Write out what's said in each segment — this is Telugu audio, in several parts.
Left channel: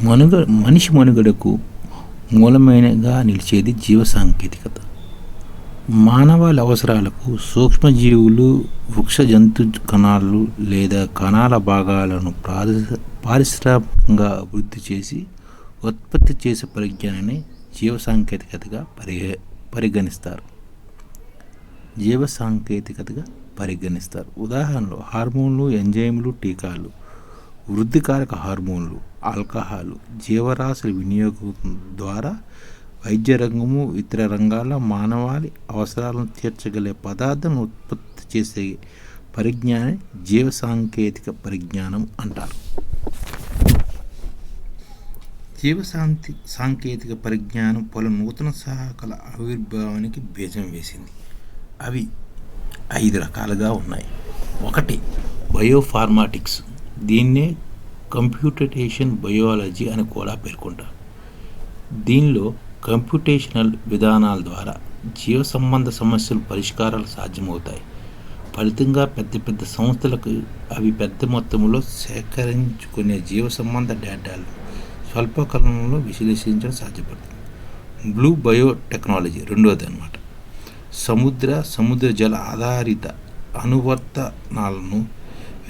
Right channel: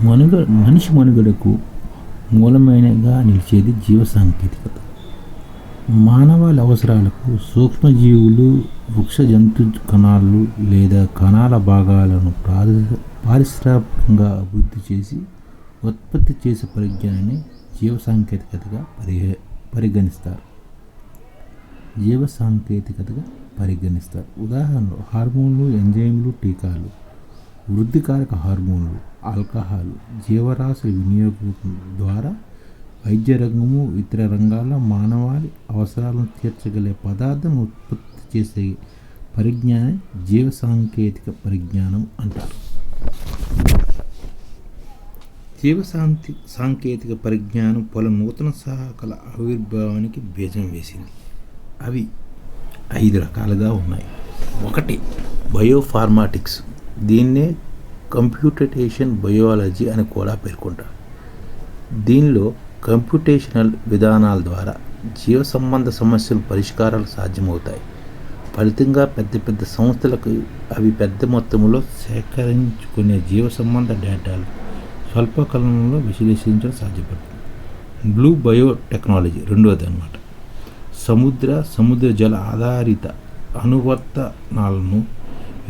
మనుగ మనిషి మనుగడకు మూలమైనగా నిలిచేది జీవ సాంకేతికత. మానవాళి అవసరాలకు సూక్ష్మజీవులు వృక్ష జంతు కణాలు లేదా కణాల భాగాలను పారిశ్రామికంగా అభివృద్ధి చేసి ఉత్పత్తి చేసే పరిజ్ఞానాన్ని జీవ సాంకేతికతగా పరి పరిగణిస్తారు. జీవ సాంకేతికతగా పరిగణిస్తారు. ఉదాహరణలు హార్మోన్లు ఎంజైమ్లు టీకాలు వృద్ధికారక హార్మోన్లు ఆల్కహాల్ జీవరాశుల వినియోగం ద్వారా వైద్య రంగము ఇతర రంగాల మానవాళి అవసరాలను తీర్చగలిగే పదార్థం ఉత్పత్తి చేసే పరిజ్ఞానం జీవ సాంకేతిక పరిజ్ఞానం అంటారు. జీవశాంతి సాంకేతిక పరిజ్ఞానం పలు నూతన సహకల ఆవిర్భావానికి బీజం వేసింది. అవి ఐదు రకాలుగా ఉన్నాయి. ఒకటి బయోఫార్మాటిక్స్. దీన్నే కంప్యూటేషన్ బయాలజీ అని కూడా పేర్కొంటారు. దీనిలో కంప్యూటేషనల్ విధానాల ద్వారా జీవ సంబంధ సమస్యలు పరిష్కారాలు సాధ్యమవుతాయి. ఫలితంగా పెద్ద పెద్ద సంస్థలకు అవి పెద్ద మొత్తంలో సేకరించుకునే జీవ సంబంధ డేటాలు స్వల్పకాలంలో విశ్లేషించడం సాధ్యపడుతుంది. బ్లూ బయోటెక్నాలజీ రెండవది అనమాట సముద్ర సముద్ర జల ఆధారిత అనువర్తనాలను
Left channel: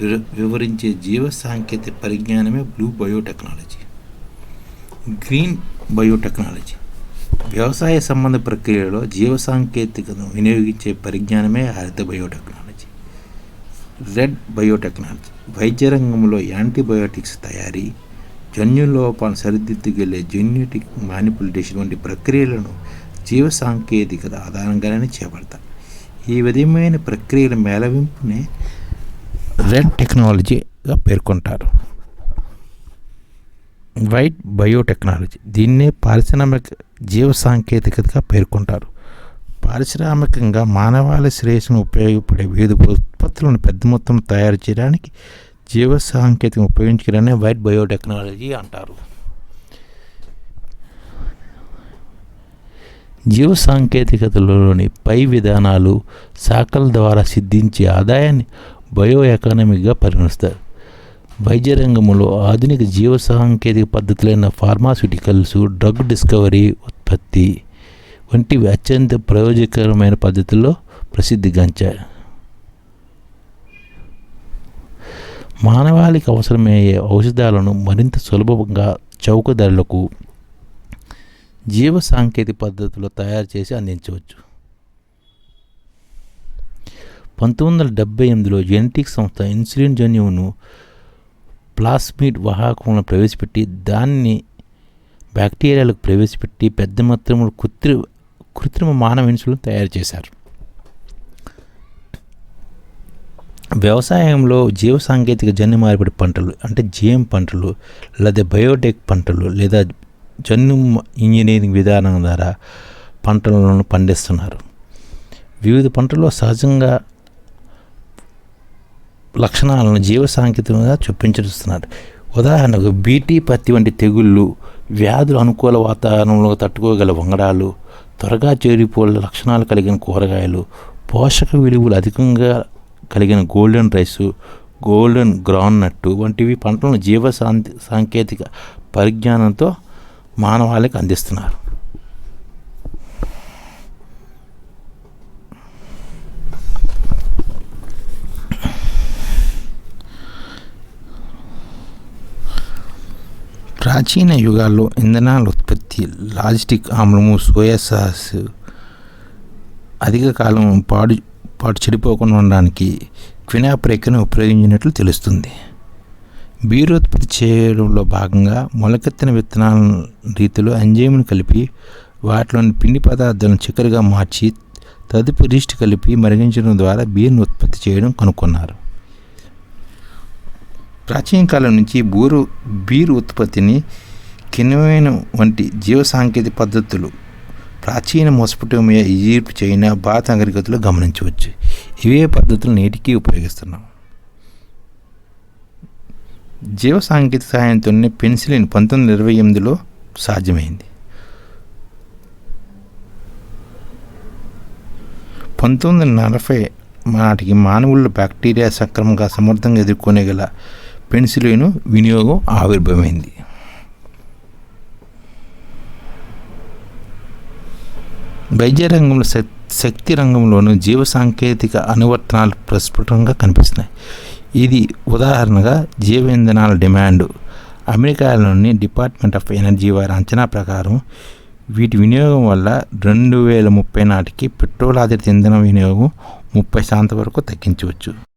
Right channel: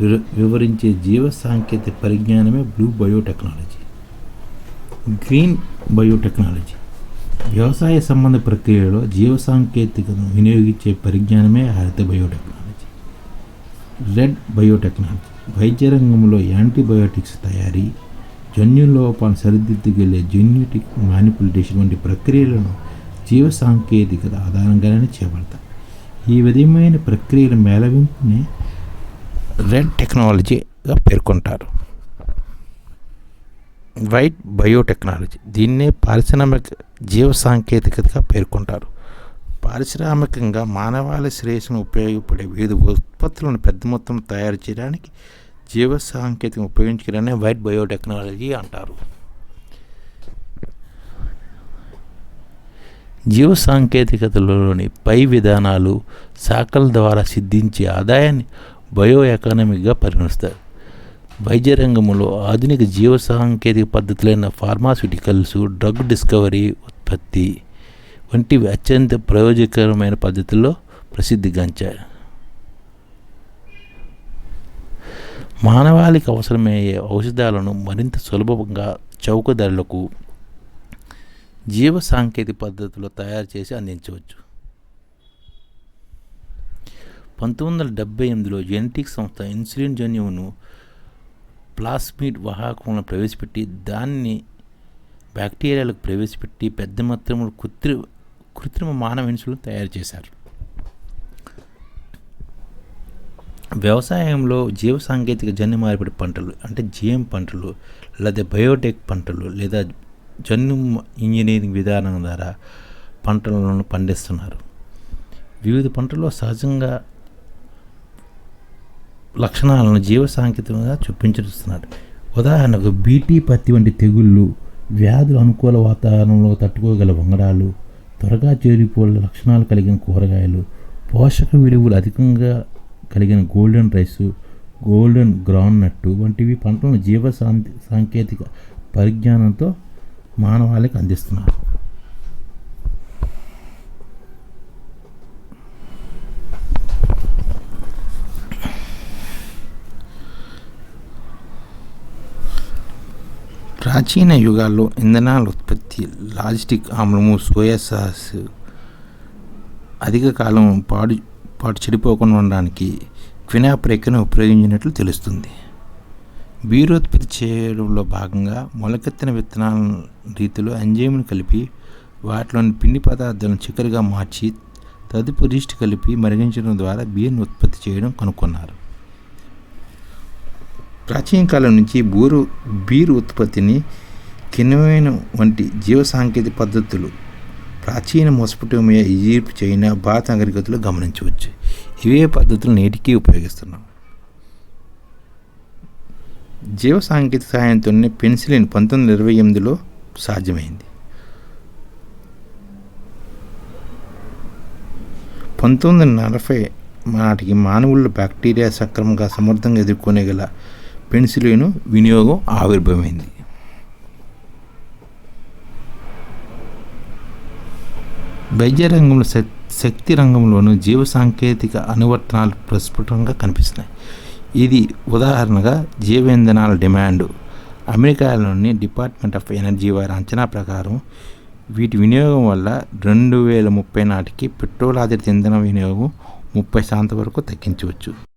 వివరించే జీవ సాంకేతిక పరిజ్ఞానమే బ్లూ బయోటెక్నాలజీ. Green biotechnology. వ్యవసాయ సంబంధ ప్రక్రియలో జీవ సాంకేతికను వినియోగించే పరిజ్ఞానమే హరిత బయోటెక్నాలజీ. Red biotechnology. వైద్య రంగంలో యాంటీబయోటిక్స్ తయారీ జన్యు లోపాలను సరిదిద్దుకెళ్ళే జెన్యుటిక్ మానిపులేషన్ వంటి ప్రక్రియలను జీవ సాంకేతికత ఆధారంగానే చేపడతాయి ఈ విధమైన ప్రక్రియల మేళవింపునే రెడ్ టెక్నాలజీగా పేర్కొంటారు. వైట్ బయోటెక్నాలజీ దీన్నే పారిశ్రామిక జీవ సాంకేతికతగా పేర్కొంటారు. పారిశ్రామికంగా మానవాళి శ్రేయస్సును ఉపయోగపడే వివిధ ఉత్పత్తులను పెద్ద మొత్తం తయారు చేయడానికి జీవ సాంకేతికం ఉపయోగించడాన్ని వైట్ బయోటెక్నాలజీ అంటారు. జీవ సాంకేతికతలోని పై విధానాలు శాఖల ద్వారా సిద్ధించే ఆదాయాన్ని బయో ఎకానమీగా పరిగణిస్తారు. వైద్య రంగంలో ఆధునిక జీవ సాంకేతిక పద్ధతులైన ఫార్మాస్యూటికల్స్ డ్రగ్ డిస్కవరీ ఉత్పత్తి వంటివి అత్యంత ప్రయోజనకరమైన పద్ధతుల్లో ప్రసిద్ధిగాంచాయి మానవాళికి అవసరమయ్యే ఔషధాలను మరింత సులభంగా చౌక ధరలకు జీవ సాంకేతిక పద్ధతిలో తయారు చేసి అందించవచ్చు. పంతొమ్మిది వందల డెబ్బై ఎనిమిదిలో జెనెటిక్ సంస్థ ఇన్సులిన్ జన్యువును ప్లాస్మిడ్ వాహకంలో ప్రవేశపెట్టి దాన్ని బ్యాక్టీరియాలకు ప్రవేశపెట్టి పెద్ద మొత్తంలో కృత్రి కృత్రిమ మానవ ఇన్సులిన్ తయారు చేశారు. వ్యవసాయంలో జీవ సాంకేతిక జన్యు మార్పిడి పంటలు అంటే జీఎం పంటలు లేదా బయోటెక్ పంటలు లేదా జన్యు ఇంజనీరింగ్ విధానం ద్వారా పంటలను పండిస్తున్నారు. వివిధ పంటల్లో సహజంగా లక్షణాలను జీవ సాంకేతికంగా చొప్పించుతున్నారు ఉదాహరణకు బీటీ పత్తి వంటి తెగుళ్ళు వ్యాధులు అనుకూల వాతావరణంలో తట్టుకోగల వంగడాలు త్వరగా చేరిపోలే లక్షణాలు కలిగిన కూరగాయలు పోషక విలువలు అధికంగా కలిగిన golden rice golden ground nut వంటివి పంటలను జీవ సాంకేతిక పరిజ్ఞానంతో మానవాళికి అందిస్తున్నారు. ప్రాచీన యుగాల్లో ఇంధనాల ఉత్పత్తి లాజిస్టిక్ ఆమ్లము సోయా సాస్ అధిక కాలం పాడు పాటు చెడిపోకుండా ఉండడానికి క్వినాప్రేకను ఉపయోగించినట్లు తెలుస్తుంది. బీరు ఉత్పత్తి చేయడంలో భాగంగా మొలకెత్తిన విత్తనాల రీతిలో ఎంజైమును కలిపి వాటిలోని పిండి పదార్థాలను చక్కెరగా మార్చి తదుపరి రీస్ట్ కలిపి మరిగించడం ద్వారా బీర్ను ఉత్పత్తి చేయడం కనుక్కున్నారు. ప్రాచీన కాలం నుంచి బూరు బీరు ఉత్పత్తిని కిణమైన వంటి జీవ సాంకేతిక పద్ధతులు ప్రాచీన మొసపటోమియా ఈజిప్ట్ చైనా భారత నాగరికతలో గమనించవచ్చు. ఇవే పద్ధతులు నేటికీ ఉపయోగిస్తున్నాం. జీవ సాంకేతిక సహాయంతోనే పెన్సిలిన్ పంతొమ్మిది ఇరవై ఎనిమిదిలో సాధ్యమైంది. పంతొమ్మిది వందల నలభై నాటికి మానవుల్లో బ్యాక్టీరియా సక్రమంగా సమర్థంగా ఎదుర్కొనేగల పెన్సిలిన్ వినియోగం ఆవిర్భవమైంది. వైద్య రంగంలో శక్తి రంగంలోనూ జీవ సాంకేతిక అనువర్తనాలు ప్రస్ఫుటంగా కనిపిస్తున్నాయి. ఇది ఉదాహరణగా జీవ ఇంధనాల డిమాండ్. అమెరికాలోని డిపార్ట్మెంట్ ఆఫ్ ఎనర్జీ వారి అంచనా ప్రకారం వీటి వినియోగం వల్ల రెండు వేల ముప్పై నాటికి పెట్రోల్ ఆధారిత ఇంధన వినియోగం ముప్పై శాతం వరకు తగ్గించవచ్చు.